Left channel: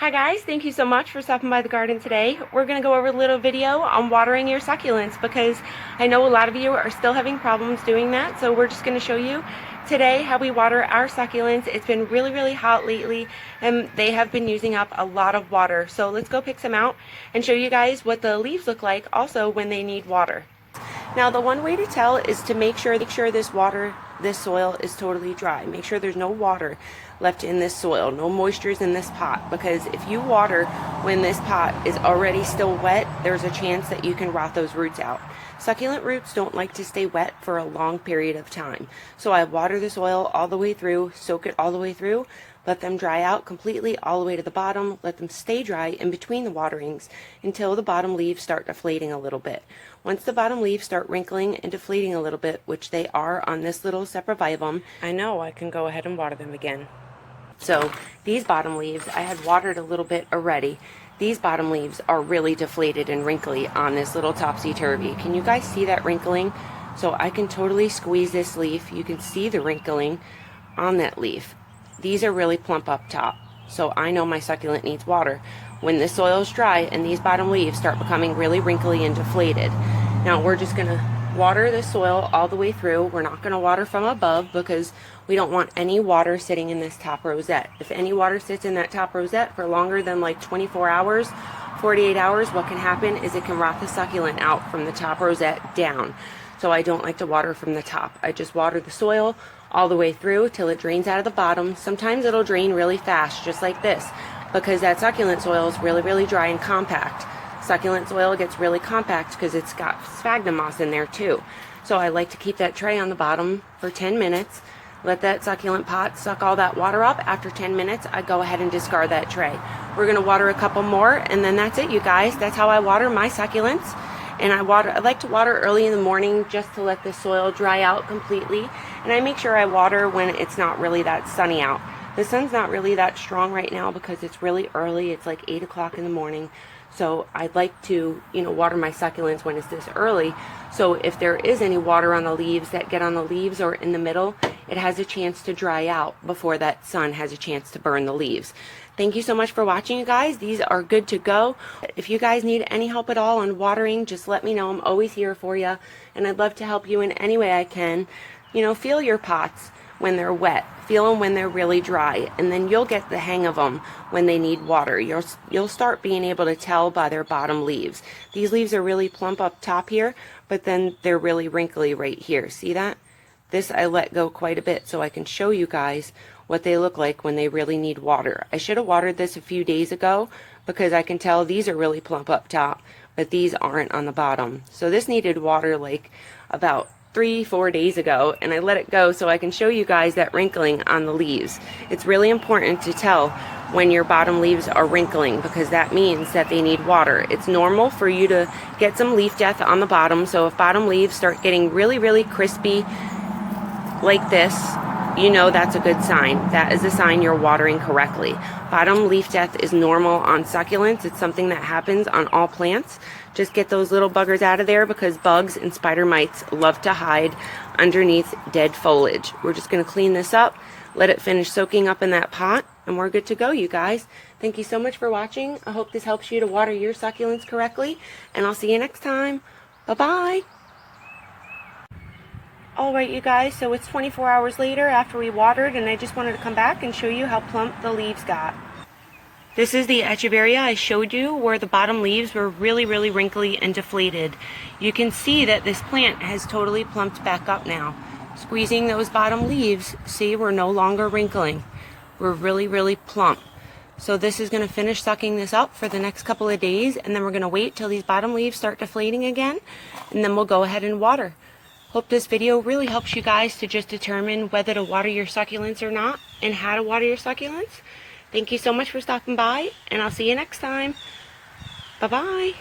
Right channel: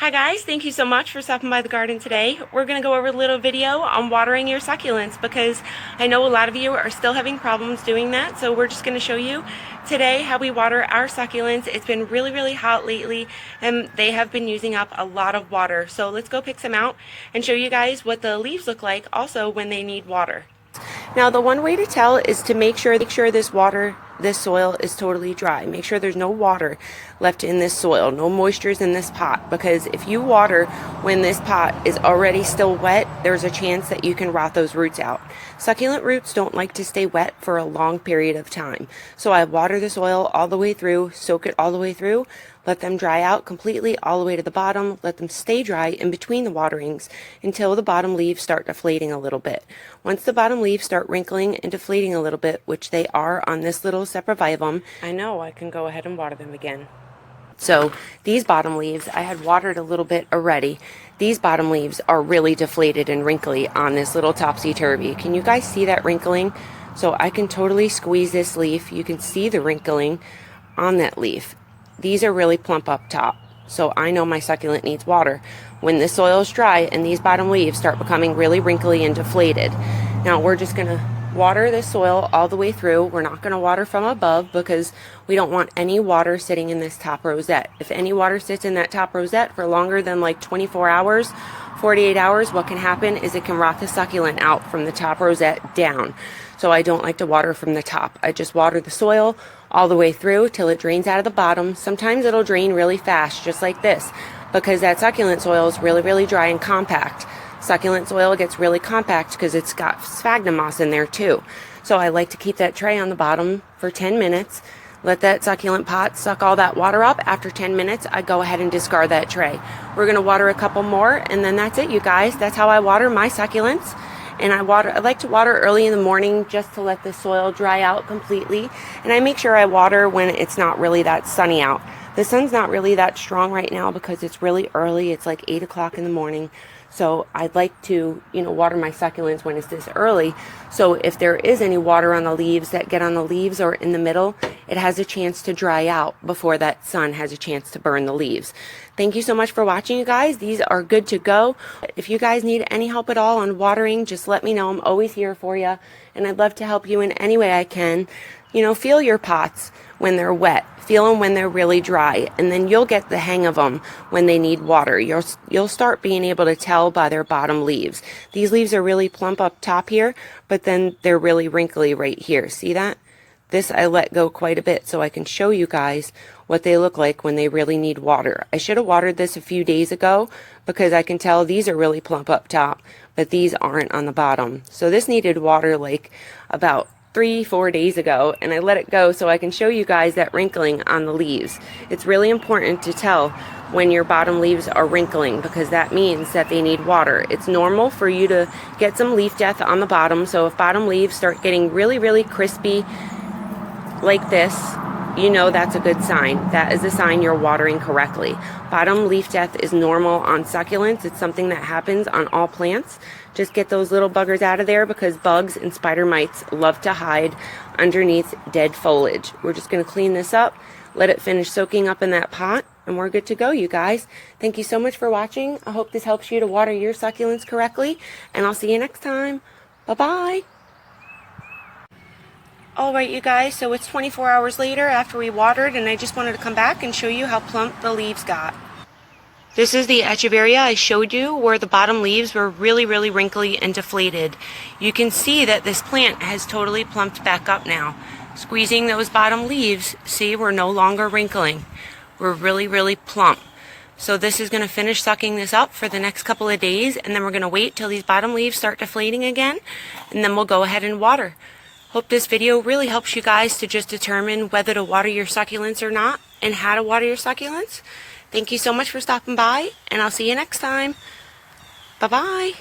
Hi guys, thank you so much for stopping by the garden today. We're going to go over a little video on watering your succulents because I know a lot of you are still having problems doing that. So we're just going to show you today how we water our succulents. It's been really hot lately and they have been using up a lot of water. So let's go pick some out and show you guys what the leaves look like also when they need water. Now the one way to tell is to make sure this soil is totally dry. Make sure there's no water left in this soil, no moistures in this pot, because if you water when this pot is already still wet, there's a chance that you can rot those roots out. Succulent roots don't like to stay wet for a long period of time. So I water the soil all the way through, soak it all the way through, let them dry out completely all the way to the bottom, let them stay dry in between the waterings until the bottom leaves start deflating a little bit. Once the bottom leaves start wrinkling and deflating a little bit, which they are on this little saprophyllum, I know I can go ahead and water them again. So these bottom leaves, I had watered a little bit already. These bottom leaves are really deflated and wrinkly on this little topsy-turvy. Can you guys see that wrinkling? So I can totally squeeze this leaf. You can see the wrinkling on that leaf. These are really plump up top, so I know my succulent needs water. When the soil is dry and these bottom leaves start becoming really wrinkly and deflated, now we're just going to water the soil all the way through. We're not going to water from above because we don't want any water sitting in this top rosette. If any water sits in that top rosette for longer than like 24 hours, 48 hours, what can happen is it can rot the succulent out from the top rosette down. So I don't like to water from the top. I just water the soil all the way through till it drains out of the bottom. Sometimes it'll drain really fast, just like this, because that succulent soil is really dry and compact. Succulent soil gets really compact because it's got sphagnum moss in there too. So I like to keep that tray on the bottom for 10 minutes. Let that succulent pot suck all that water up. After 10 minutes, I go ahead and discard that tray. We're going to water a couple more, and then that's it, you guys. That's how I water my succulents. And I like to water early in the morning just to let the soil dry out completely. And I make sure I water when it's not really that sunny out. The sun's not really that strong right now because it's really early. It's like 8 o'clock in the morning. So I'd like to, water my succulents when it's this early. So if there is any water on the leaves that get on the leaves or in the middle, it has a chance to dry out before that sun has a chance to burn the leaves. Thank you so much for watching, you guys. These are good to go. If you guys need any help at all on watering, just let me know. I'm always here for you, and I'd love to help you in any way I can. Feel your pots when they're wet. Feel them when they're really dry, and then you'll get the hang of them when they need water. You'll start being able to tell by their bottom leaves. These leaves are really plump up top here, but then they're really wrinkly right here. See that? This I let go quite a bit so I can show you guys what they look like when they really need water. I should have watered this a few days ago because I can tell these are really plump up top, but these aren't on the bottom. So this needed water like about 3-4 days ago, and I let it go so I can show you guys that wrinkling on the leaves. It's really important to tell when your bottom leaves are wrinkling because that means that they need water. It's normal for you to get some leaf death on the bottom, so if bottom leaves start getting really crispy like this, that's a good sign. That is a sign you're watering correctly. Bottom leaf death is normal on succulents. It's something that happens on all plants. Just get those little buggers out of there because bugs and spider mites love to hide underneath dead foliage. We're just going to clean this up, let it finish soaking up in that pot, and we're good to go, you guys. Thank you so much for watching. I hope this helps you to water your succulents correctly, and I'll see you next time. Bye-bye. Alright, you guys, so it's 24 hours later after we watered, and I just wanted to come back and show you how plump the leaves got. This is the echeveria I showed you where the bottom leaves were really wrinkly and deflated. You can see that this plant has totally plumped back up now. Squeezing those bottom leaves, see, we're no longer wrinkling. We're really plump. So this is going to finish sucking this up for the next couple of days, and then we're going to wait till these bottom leaves start deflating again, and then we'll go ahead and water. Hope this video really helps you guys to just determine whether to water your succulents or not and how to water your succulents. Thank you so much for stopping by, and I'll see you next time. Bye-bye.